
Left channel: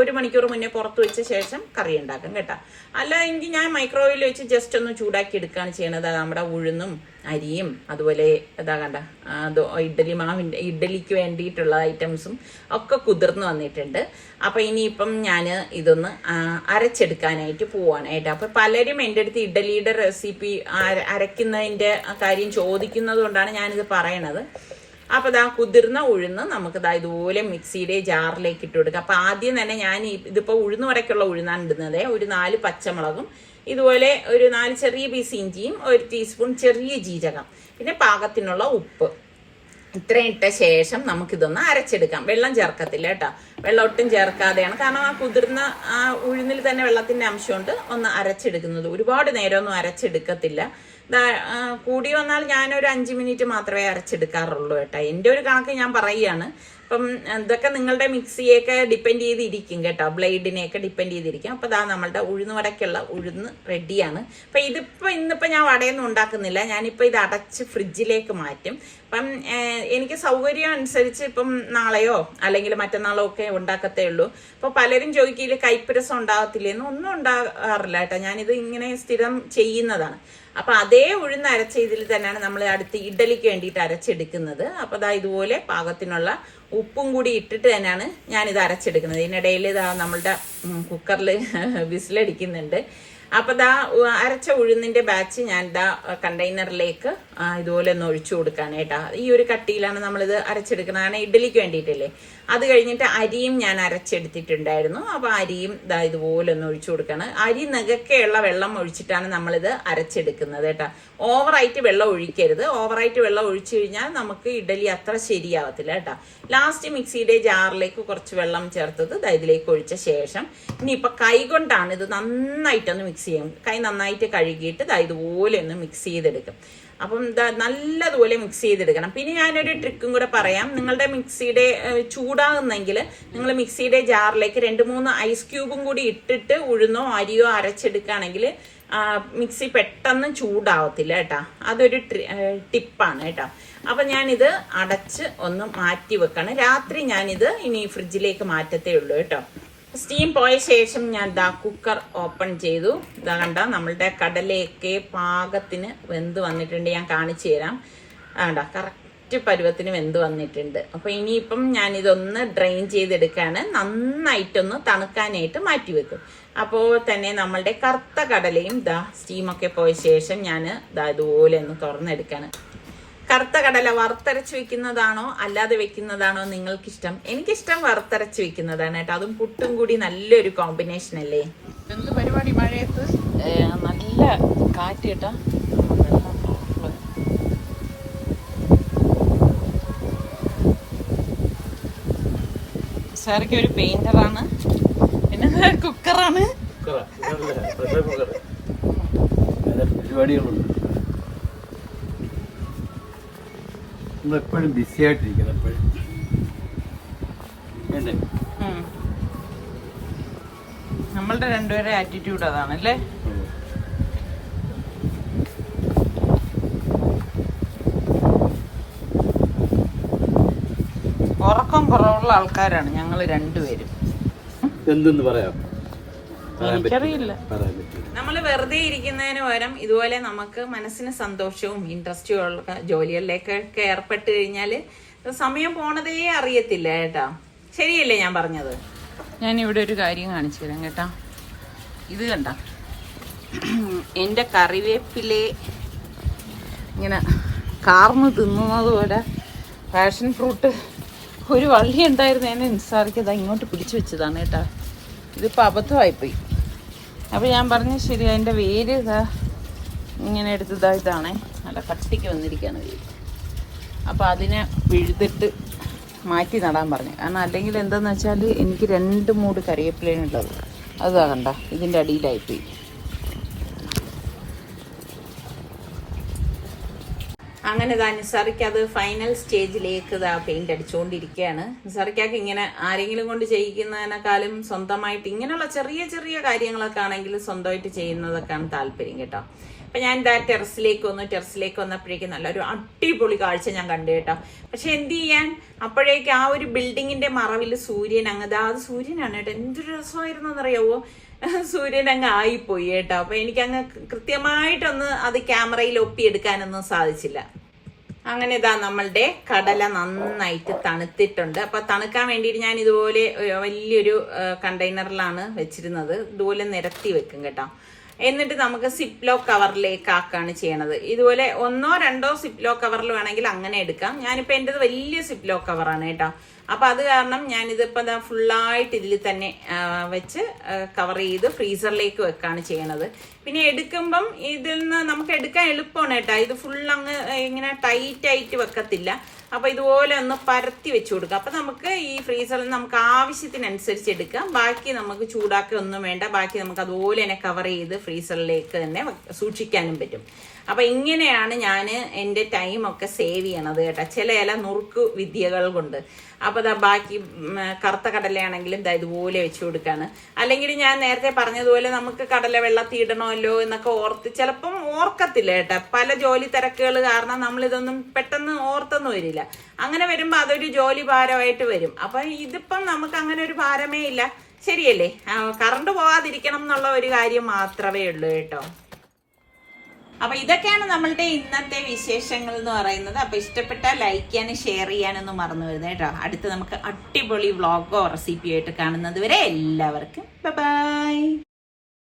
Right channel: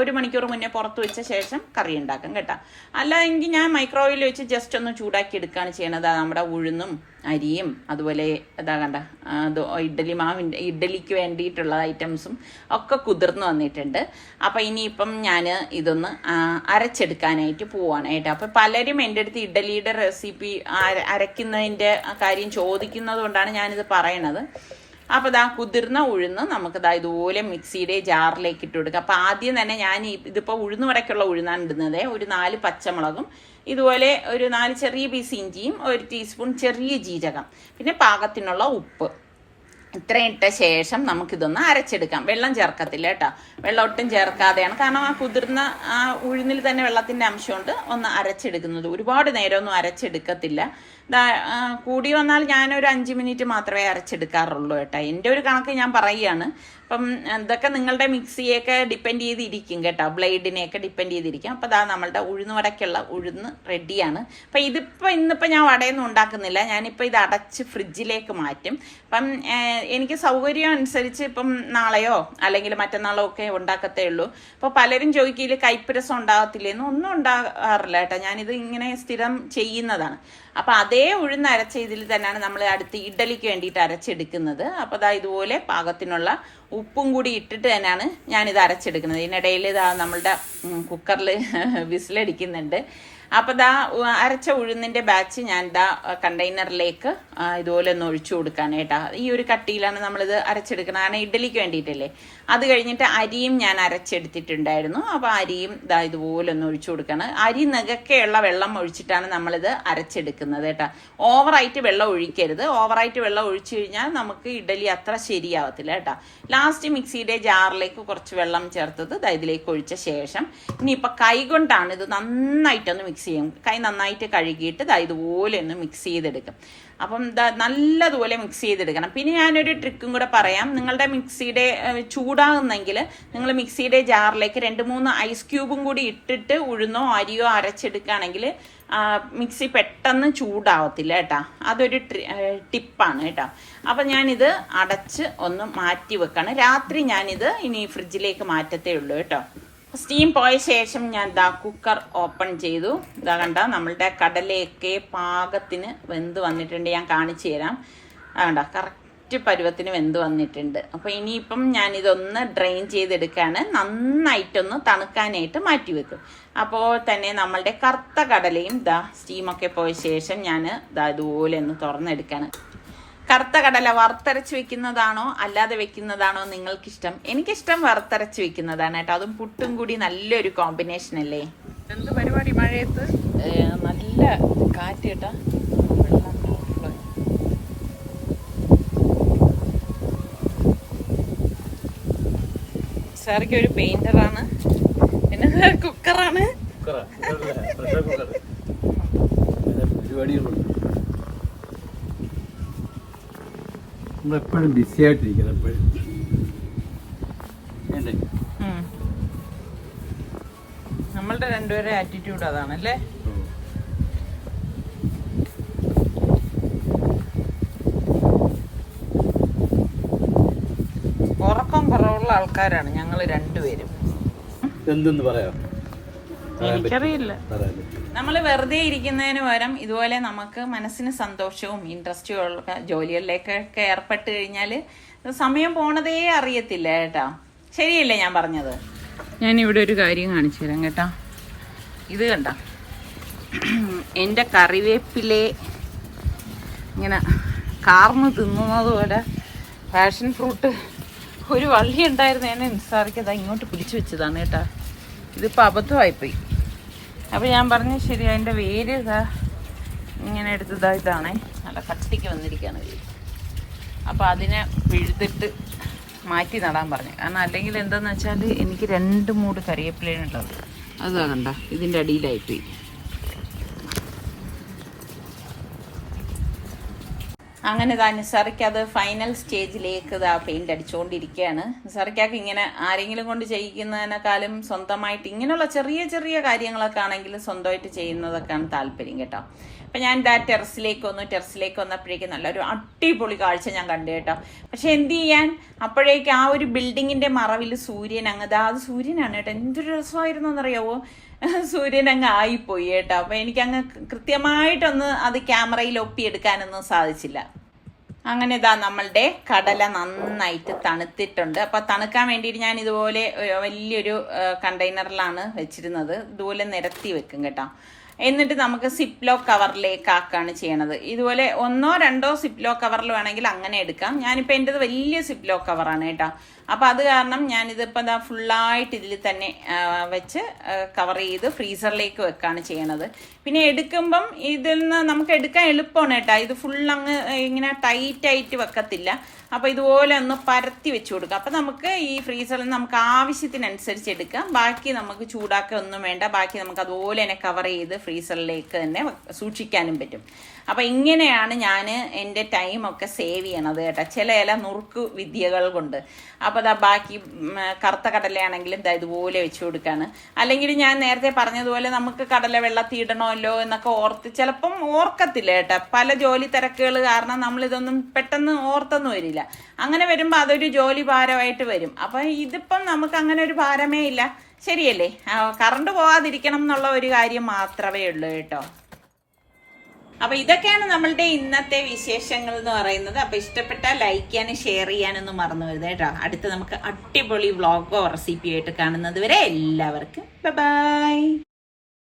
1 മണിക്കൂർ മുന്നേ പുറത്ത് വെച്ച ശേഷം കറി ഉണ്ടാക്കും കേട്ടോ. അല്ലാതെങ്കിൽ ഞാൻ മൈക്രോവേവിൽ വെച്ച് ജസ്റ്റ് ഒന്ന് ചൂടാക്കി എടുക്കുകയാണ് ചെയ്യണത്. നമ്മുടെ ഉഴുന്നും അരിയും അതുപോലെ ഇതാ കണ്ട അത് ഇഡ്ഡലിക്ക് വേണ്ടിയിട്ടുള്ള ഐറ്റംസും ഒക്കെ കുതിർന്ന് വന്നിട്ടുണ്ട്. അപ്പം ഇനിയിപ്പം ഞാൻ ഇതൊന്ന് അരച്ചെടുക്കാനായിട്ട് പോവാണ് കേട്ടോ. അപ്പം പലരും എൻ്റെ അടുത്ത് ഇഡ്ഡലിയുടെ റെസിപ്പി അരയ്ക്കുന്നതിൻ്റെ കാര്യം ചോദിക്കുന്നത് കൊണ്ടാണ് ഞാനിത് പറയണത്. അപ്പോൾ ഇതാ കുതിർന്ന ഉഴുന്ന് നമുക്ക് ഇതുപോലെ മിക്സിയുടെ ജാറിലേക്ക് ഇട്ട് കൊടുക്കുക. അപ്പോൾ ആദ്യം തന്നെ ഞാൻ ഇതിപ്പോൾ ഉഴുന്ന് വടക്കുള്ള ഉഴുന്നാണ് ഇടുന്നത്. ഒരു 4 പച്ചമുളകും ഇതുപോലെ ഒരു 4 ചെറിയ പീസ് ഇഞ്ചിയും 1 ടീസ്പൂൺ ചെറിയ ജീരകം പിന്നെ പാകത്തിനുള്ള ഉപ്പ് ഇത്രയും ഇട്ട ശേഷം നമുക്കിതൊന്ന് അരച്ചെടുക്കാം. വെള്ളം ചേർക്കത്തില്ല കേട്ടോ. വെള്ളം ഒട്ടും ചേർക്കാതെയാണ്, കാരണം ആ കുതിർന്ന ആ ഉഴുന്നിൽ തന്നെ വെള്ളത്തിൻ്റെ അംശമുണ്ട്. ഒന്ന് അരച്ചെടുക്കുന്നത് ഒരുപാട് നേരമൊന്നും അരച്ചെടുക്കത്തില്ല. കൂടി വന്നാൽ ഞാനൊരു 5 മിനിറ്റ് മാത്രമേ അരച്ചെടുക്കാറുള്ളൂ കേട്ടോ. എൻ്റെ ഒരു കണക്ക് ഞാൻ പറയുകയാണ്. അപ്പം ഇതൊക്കെ നിങ്ങളുടെ മിക്സിയൊക്കെ ഡിപ്പെൻഡ് ചെയ്തിരിക്കും കേട്ടോ, ബ്ലേഡിനെയൊക്കെ ഡിപ്പെൻഡ് ചെയ്തിരിക്കും. അപ്പം നമ്മളുടെ ഉഴുന്ന് വടക്കുള്ള ഉഴുന്ന് റെഡിയാണ്. അപ്പം ഇന്നിപ്പോൾ ഞാൻ വടയൊന്നും ഉണ്ടാക്കുന്നില്ല. ഞാനിപ്പോൾ ഇത് അടച്ച് ഫ്രിഡ്ജിലേക്ക് മാറ്റും. അപ്പം എനിക്ക് സൗകര്യം അനുസരിച്ച് ഇപ്പം നാളെയോ അല്ലെങ്കിൽ മറ്റന്നാളോ ഒക്കെ ഉണ്ടാക്കത്തേ ഉള്ളൂ. അപ്പോൾ പലരും ചോദിക്കില്ല കൈപ്പരസം ഉണ്ടാകത്തില്ലേന്ന്. ഒന്നും ഉണ്ടാകാറില്ല കേട്ടോ. ഞാനിത് ഇങ്ങനെ സ്ഥിരം ചെയ്യുന്നതാണ്. അപ്പം അതേ ഉഴുന്ന് അരച്ച ഇതിൽ തന്നെയാണ് നമ്മൾ അടുത്ത് ഇഡ്ഡലിക്ക് വേണ്ടിയിട്ട് അരച്ചെടുക്കുന്നത്. അപ്പോൾ ഇതുപോലെ പാകത്തിനുള്ള ഉപ്പും കൂടി ഇട്ടിട്ട് തന്നെയാണ് ഞാനിത് അരച്ചെടുക്കുന്നത്. ഇതിനിടയിൽ നമ്മളുടെ കുക്കറിൽ വിസിലടിക്കുന്നുണ്ട്. അപ്പോൾ അരച്ച ഉഴുന്നിൻ്റെ ബാച്ച് ഞാൻ കണ്ടെയ്നറിലേക്ക് ഇതുപോലെ ഒന്ന് ഒഴിച്ചു കൊടുക്കുകയാണ് കേട്ടോ. ഈ ഒരു കട്ടിയിലാണ് നമ്മളിത് അരച്ചെടുക്കുന്നത്, കാരണം ഇഡ്ഡലിക്ക് വേണ്ടിയിട്ടല്ലേ. അത് കഴിഞ്ഞിട്ട് അരിയും ഞാൻ അരച്ചെടുത്തിട്ടുണ്ടായിരുന്നു. അപ്പോൾ അരിയും ഇതുപോലെ ഒന്ന് ഒഴിച്ചു കൊടുക്കുകയാണ്. അരി നികക്കെയുള്ള വെള്ളം ഒഴിച്ചിട്ടാണ് നമ്മളിത് അരച്ചെടുക്കുന്നത് കേട്ടോ. ഓവറായിട്ട് വെള്ളം ഒഴിക്കരുത്. ഓവറായിട്ട് വെള്ളം ഒഴിച്ചു കഴിഞ്ഞാൽ നമുക്ക് ഇഡ്ഡലി അത്ര ശരിയാവത്തില്ല കേട്ടോ. ലാസ്റ്റ് മിക്സിയുടെ ജാറിലേക്ക് കുറച്ച് വെള്ളം ചേർത്തത് ഇതിലേക്ക് ഒഴിച്ച ശേഷം ഇനിയിപ്പോൾ കൈ കൊണ്ടാണ് ഇത് നന്നായിട്ടൊന്ന് മിക്സ് ചെയ്യും. കൈ നന്നായിട്ട് കഴുകിയിട്ട് ഇതുപോലെ ഒന്ന് മിക്സ് ചെയ്തെടുക്കും. അപ്പം നല്ലതുപോലെ മിക്സ് ചെയ്തെടുക്കണം. പിന്നെ ഞാനൊരു ട്രിക്കും കൂടെ പറയാം. നിങ്ങളുടെ മിക്സിയുടെ ചൂടാകുന്നെങ്കിൽ നിങ്ങൾ മിക്സിയുടെ ജാറിലേക്ക് 2-3 ഐസ് ക്യൂബും കൂടി ഇട്ടിട്ട് ഉഴുന്നോ അരിയോ അരച്ചെടുക്കുകയാണെങ്കിൽ മിക്സി പെട്ടെന്ന് ചൂടാവത്തില്ല കേട്ടോ. അതൊരു ടിപ്പാണ് കേട്ടോ. അപ്പം ഞാനിത് അടച്ച് ഒന്ന് മാറ്റി വെക്കാണ്. രാത്രി ഞാനിത് ഇനി ഫ്രിഡ്ജിലേക്ക് മാറ്റത്തേ ഉള്ളൂ കേട്ടോ. സ്റ്റീം പോയ ശേഷം ഞാൻ കുക്കർ ഓപ്പൺ ചെയ്തു. കണ്ട നമ്മളുടെ കടലയൊക്കെ പാകത്തിന് വെന്ത് വന്നിട്ടുണ്ട്. ഞാൻ കാണിച്ചു തരാം. കണ്ട കറക്റ്റ് പരുവത്തിന് വെന്ത് വന്നിട്ടുണ്ട്. അപ്പോൾ ഇനിയിപ്പം ഞാനിതൊന്ന് ഡ്രെയിൻ ചെയ്തെടുക്കുകയാണ്. നന്നായിട്ടൊന്ന് തണുക്കാനായിട്ട് മാറ്റി വെക്കും. അപ്പോൾ തന്നെ നമ്മളുടെ കറുത്ത കടലയും സ്റ്റീമൊക്കെ പോയ ശേഷം ഞാൻ ഇതുപോലെ ഒന്ന് തുറന്നെടുക്കുകയാണ്. കറുത്ത കടല വറുത്തരച്ച് വെക്കുന്നതാണോ അല്ലാതെ വെക്കുന്നതാണോ നിങ്ങൾക്കിഷ്ടം? എനിക്കിഷ്ടം വറുത്തരച്ച് വെക്കുന്നതാണ് കേട്ടോ. അതും പുട്ടും കൂടി നല്ലൊരു കോമ്പിനേഷൻ അല്ലേ. എന്ത് പരിപാടി മഴയത്ത്? നല്ല കാറ്റ് കേട്ടോ. സാറൊക്കെ ഒരു പെയിന്ററാണ്, പിന്നെ കുക്കറാണ്. പരിപാടികളുണ്ട്. നമ്മളെപ്പോഴും ബിസി ആയിട്ടിരിക്കണം. എപ്പോഴും നമ്മളുടെ രണ്ടുപേരെ ആറ്റിറ്റ്യൂഡ് അതാണല്ലേ. ഉറക്കം കുറവുള്ള ആൾക്കാരാണ് ഞങ്ങൾ രണ്ടുപേരും. എന്തെന്ന് പറയാം എനിക്കറിയില്ല. നമ്മൾ വെറുതെ ഇരിക്കുന്നതിന് പകരം ഇതുപോലെ നമുക്ക് മനസ്സിന് സന്തോഷവും ഇൻട്രസ്റ്റും ഉള്ള ജോലികളിലേക്കൊക്കെ ഏർപ്പെട്ട് കഴിഞ്ഞാൽ സമയം പോണതേ അറിയത്തില്ല കേട്ടോ. ശരിയല്ലേ ഞാൻ പറഞ്ഞത്? ഞാനിവിടെ ഒരു കാര്യം കാണിച്ചു തരാം കേട്ടോ. ഇത് കണ്ട എൻ്റെ കറിവേപ്പിലെ ഇങ്ങനെ കാർന്ന് തിന്നുന്നത് പോലെ പാഷൻ ഫ്രൂട്ട് ഒരു വള്ളി ഉണ്ടായിരുന്നു. ഞാൻ നിസ്സാറിക്കത് ഇങ്ങോട്ട് പിടിച്ചു വെച്ചതാണ് കേട്ടോ. ഇതിപ്പോൾ അബദ്ധമായിപ്പോയി. അപ്പോൾ ഞാൻ പറഞ്ഞു ശരി, അതിൻ്റെ വേര് ഇങ്ങനെ എടുത്തതായിട്ടാണേ, നല്ല കട്ടിക്ക് വന്നിരിക്കുകയാണ് വേര്. അപ്പോൾ അതിനെ പിഴുതിട്ട് മാറ്റി നടാൻ പറഞ്ഞു. കാരണം അല്ലെങ്കിൽ എന്താന്ന് വെച്ചാൽ എനിക്ക് 2 മൂട് കറിവേപ്പിലയുള്ളത് അത് കണ്ട ഇതിൻ്റെ അടിയിലായിപ്പോയി. അങ്ങനെ നിസാറിക്ക് അത് ഫൈനൽ സ്റ്റേജിലേക്ക് പെയിന്റ് അടിച്ചുകൊണ്ടിരിക്കുകയാണ്. നിസാറിക്കാക്ക് ഇങ്ങനെ ആരെങ്കിലും കൊണ്ട് ചെയ്യിക്കുന്നതിനേക്കാളും സ്വന്തമായിട്ട് ഇങ്ങനെയുള്ള ചെറിയ ചെറിയ കാര്യങ്ങളൊക്കെ ആണെങ്കിൽ സ്വന്തമായിട്ട് ചെയ്യുന്നതൊക്കെയാണ് താല്പര്യം കേട്ടോ. അപ്പൊ ഞാൻ ടെറസിലേക്ക് വന്നപ്പോഴേക്കും നല്ലൊരു അടിപൊളി കാഴ്ച ഞാൻ കണ്ടു കേട്ടോ. പക്ഷെ എന്ത് ചെയ്യാൻ, അപ്പോഴേക്ക് ആ ഒരു ബിൽഡിങ്ങിന്റെ മറവിൽ സൂര്യൻ അത് സൂര്യനാണ് കേട്ടോ. എന്തൊരു രസമായിരുന്നു എന്നറിയാവോ, സൂര്യൻ അങ്ങ് ആയിപ്പോയി കേട്ടോ. അപ്പൊ എനിക്കങ്ങ് കൃത്യമായിട്ടൊന്ന് അത് ക്യാമറയിൽ ഒപ്പിയെടുക്കാനൊന്നും സാധിച്ചില്ല. അങ്ങനെ നമ്മളുടെ കടല നന്നായിട്ട് തണുത്തിട്ടുണ്ട്. അപ്പൊ തണുക്കാൻ വേണ്ടിയിട്ട് ഞാൻ ഇതുപോലെ വലിയൊരു കണ്ടെയ്നറിലാണ് വെച്ചിരുന്നത്. ഇതുപോലെ നിരത്തി വെക്കും കേട്ടോ. എന്നിട്ട് നമുക്ക് സിപ്ലോ കവറിലേക്ക് ആക്കാണ് ചെയ്യണത്. ഇതുപോലെ 1 or 2 സിപ്ലോ കവറിൽ വേണമെങ്കിൽ അങ്ങനെ എടുക്കാം. ഞാനിപ്പോ എൻ്റെത് വലിയ സിപ്ലോ കവറാണ് കേട്ടോ. അപ്പൊ അത് കാരണം ഞാനിതിപ്പോ ഫുള്ളായിട്ട് ഇതിൽ തന്നെ വെച്ച് കവർ ചെയ്ത് ഫ്രീസറിലേക്ക് വെക്കാണ് ചെയ്യണത്. പിന്നെ എടുക്കുമ്പം ഇതിൽ നിന്ന് നമുക്ക് എടുക്കാൻ എളുപ്പമാണ് കേട്ടോ. ഇത് ഫുൾ അങ്ങ് ഇങ്ങനെ ടൈറ്റ് ആയിട്ട് വെക്കത്തില്ല. അപ്പൊ ഇതുപോലെ ഒന്ന് പരത്തി വെച്ചു കൊടുക്കാം. അപ്പൊ നമുക്ക് ഈ ഫ്രീസറിൽ നമുക്ക് ആവശ്യത്തിനനുസരിച്ച് എടുക്കാം. ബാക്കി നമുക്ക് ചൂടാക്കുക ഒന്നും വേണ്ട. ബാക്കി നമുക്ക് അതുപോലെ തന്നെ കവർ ചെയ്ത് ഫ്രീസറിലേക്ക് തന്നെ സൂക്ഷിക്കാനും പറ്റും. അപ്പൊ ഇങ്ങനെയാണ് ഞാൻ എൻ്റെ ടൈമൊക്കെ സേവ് ചെയ്യണത് കേട്ടോ, ചില നുറുക്കു വിദ്യകൾ കൊണ്ട്. അപ്പൊ ബാക്കി കറുത്ത കടലയാണെങ്കിലും ഇതുപോലെ വെച്ചു കൊടുക്കാണ്. അല്ലെങ്കിൽ ഞാൻ നേരത്തെ പറഞ്ഞതുപോലെ നമുക്ക് കടല വെള്ളത്തിൽ ഇടണമല്ലോ എന്നൊക്കെ ചിലപ്പം ഓർക്കത്തില്ല കേട്ടോ. പല ജോലി തിരക്കുകൾ കാരണം നമ്മളിതൊന്നും പെട്ടെന്ന് ഓർത്തൊന്നും വരില്ല. അങ്ങനെ വരുമ്പോ അതൊരു ജോലി ഭാരമായിട്ട് വരും. അപ്പൊ ഇതിപ്പം നമുക്ക് അങ്ങനെ ഒരു ഭാരമേ ഇല്ല. ശരിയല്ലേ? കറണ്ട് പോവാതിരിക്കണം എന്നുള്ള ഒരു കാര്യം മാത്രമേ ഉള്ളൂ കേട്ടോ. അപ്പൊ ഇതൊക്കെയാണ് നമ്മളുടെ ഇന്നത്തെ വിശേഷങ്ങൾ എന്ന് പറയുന്നത്. അപ്പൊ ഇഷ്ടപ്പെട്ടാൽ ലൈക്ക് ചെയ്യാനും ഷെയർ ചെയ്യാനൊന്നും മറന്നു വരുന്നത് കേട്ടോ. അടുത്ത് നമുക്ക് അടിപൊളി വ്ളോഗോ റെസിപ്പിയോ ആയിട്ട് കാണുന്നത് വരെ എല്ലാവർക്കും ബൈ.